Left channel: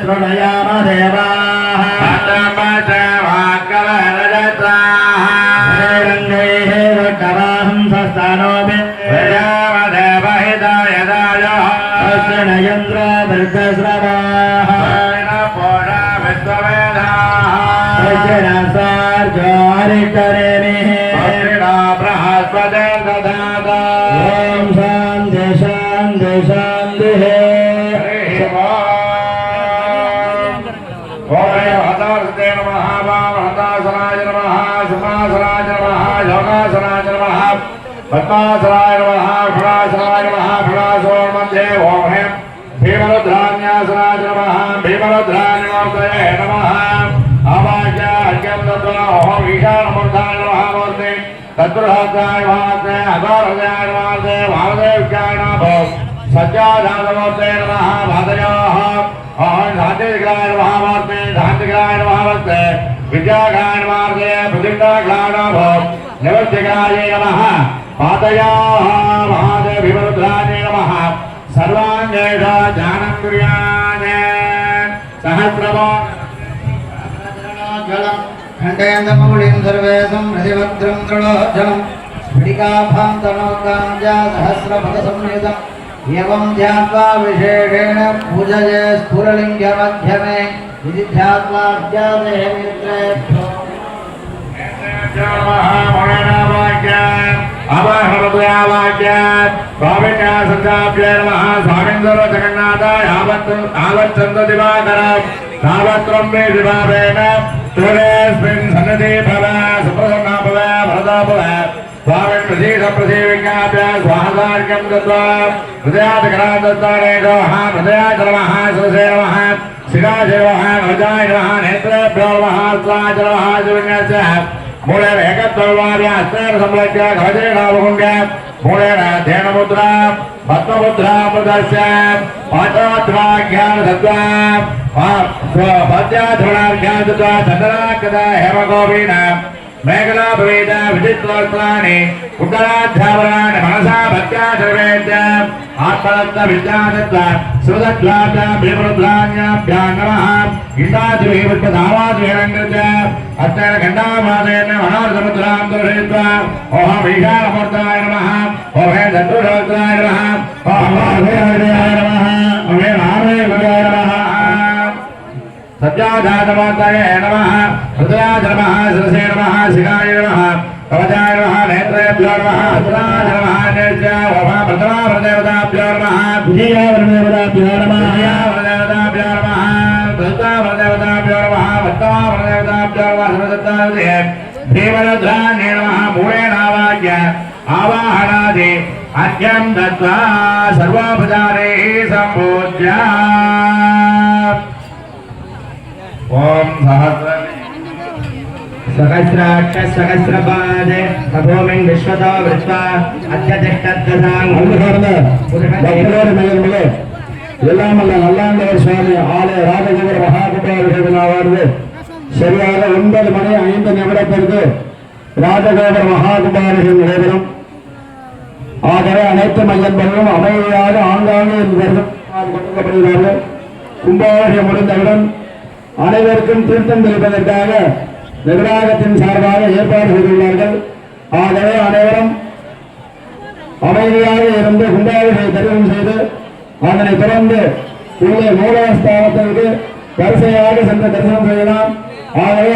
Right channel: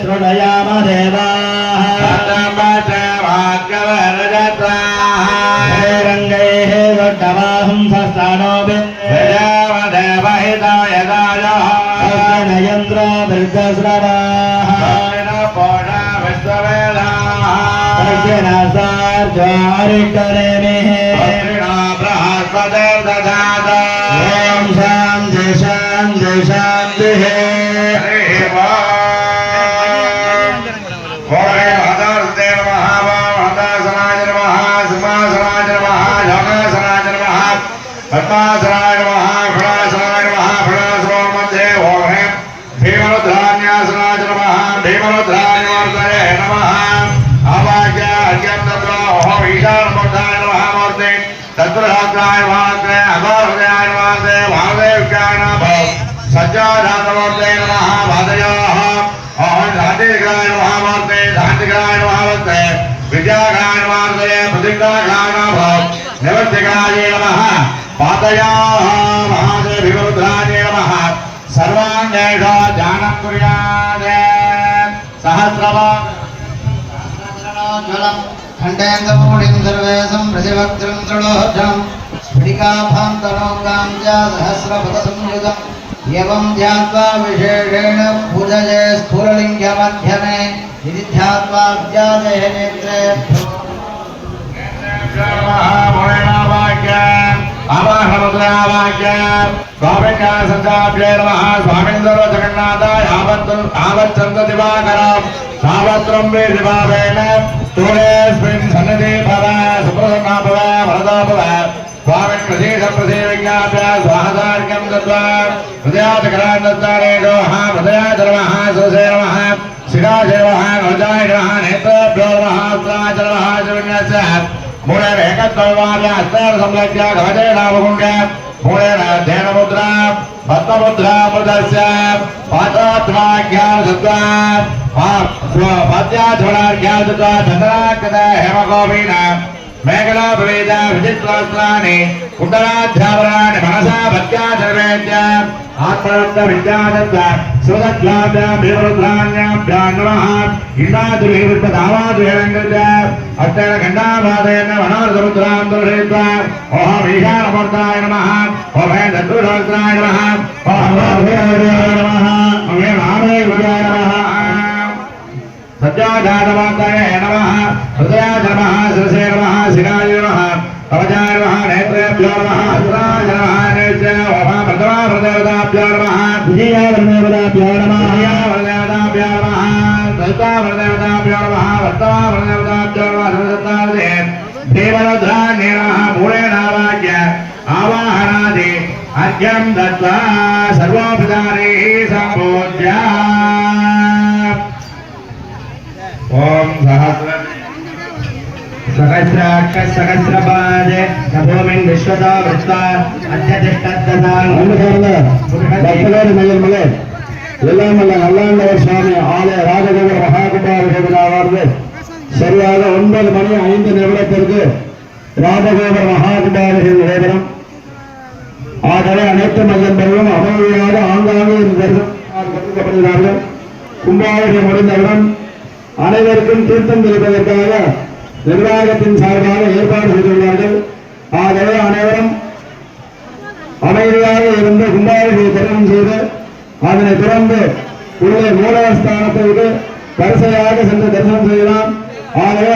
शृणयाम देवाः रङ्गैः वड्डवाहंसस्थानोऽपि यन्त्र वृद्धस्रवाः सार्जारिकरेमिः ॐ शान्ति शान्ति शान्तिः पद्मासनाय नमः फणासनाय नमः फणासोन्मध्ये ओम हें भीमरुद्रान्यासनाय नमः भीमरुद्रान्यमूर्तये नमः आवाह्य अर्घ्यं दत्त्वा ओम ईशानमूर्ताय नमः मूर्ते तत्पुरुषाय नमः अघोरहृदयाय नमः वामदेव्याय नमः सज्जाधातमूर्तये नमः वादयोः ओम शान्तिग्राय नमः मूर्ते शान्तिग्राय नमः मूर्ते विद्याग्राय नमः प्रतिज्ञाग्राय नमः निवृत्तिग्राय नमः पादयाः महादेव भीमरुद्राय नमः सर्वाङ्गेण ध्यानं कुर्यात् सहस्रवाग्जलं खण्डेन्दमूलिं सर्वेशं प्रतिभद्रं तृणोर्जं स्फटिकाभान्तनोकां च सहस्रपदसंयुतम् एवं ध्यात्वा विशेषेण पूजये स्फुरलिङ्गमध्यमे इति ध्यात्वा विद्यादेः नेत्रे स्वामीन्द्र जगन्नाथाय आवच्छन्द दिवाकरं सावत्रं मे दिवावेन तूलेऽस्मिन् सन्निधि भव सुप्रसन्ना भव वरदा भव स्वामिन् प्रसीद विज्ञाप्य स्वाहार्घ्यं दत्त्वा हृदयात् करान् दत्तारेषो हृदयात् नमः सुरसे नमः शिखासे नमः गजाय नमः नेत्रेभ्यो नमः अस्त्राय नमः शिवज्ञस्य मूले एकत्ववार्य हस्तेन संलग्य गजेनावगुण्य मूलेन ध्येनमुद्रा पद्ममुद्रा प्रदर्श्य पाठोत्तमाज्ञान दत्त्वा पद्याध्वनार्घ्यान् दत्त्वा चन्द्राकृत हेमगोपीन मेघलाभवेद विचित्रवस्त्राणि कुण्डलाध्यावराणि मनसा भक्त्या सर्वेद्य आत्मदत्त विद्यादत्त सुदत्लाद भीमरुद्राण्याभ्यां नमः इण्डाद्रिवृत्तधावाद्रिहरङ्गृत्य अत्तेन खण्डाभादेन मनोरथमुद्रां दर्शयित्वा ओम ईशानमूर्ताय नमः ओम हे दत्तुशास्त्राय नमः ओम वामदेवाय नमः ओम हे महादेवाय नमः सज्जाधातमाताय नमः हृदयाय नमः शिरसे नमः शिराय नमः कवचाय नमः नेत्रेभ्यो नमः हस्ताय नमः नेत्य ओम प्रथमा प्रदेवताभ्यो नमः द्वितीया प्रदेवताभ्यो नमः प्रदेवताभ्यो नमः तृतीया प्रदेवताभ्यो नमः सप्तमा प्रदेवताभ्यो नमः सर्वदत्तादे देवरुद्राण्ये नमः मूलेनावाक्य आवाहनादि अर्घ्यं दत्त्वा सर्वोपचारैः सम्पूज्य ओम सहस्राक्ष सहस्रपाद भूमिं विश्वतो वृत्वा अध्यतिष्ठद्दतां எல்லாம் நல்லாண்டவர் சுவாமி ஆலய ராஜகோபுர மகாகும்பாபிஷேகமாவது சரியாக 9 மணி 5 நிமிடத்திற்கு ராஜகோபுர மகாகும்பாபிஷேகம் நடைபெறும். ஆகவே அனைத்து மையங்களும் அமைதியாக ஆங்காங்கே தரிசனம் கும்பாபிஷேகம் முடிந்தவுடன் அனைவருக்கும் தீர்த்தம் தெளிப்பதற்காக நிர்வாகத்தின் சார்பாக ஏற்பாடு செய்துள்ளார்கள். ஆகவே அனைவரும் அமைதியாக இருந்து கும்பாபிஷேக தரிசனம் செய்து அதனை தொடர்ந்து உள்ளே மூலஸ்தானத்தை வரிசையாக சென்று தரிசனம் செய்யலாம். ஆகவே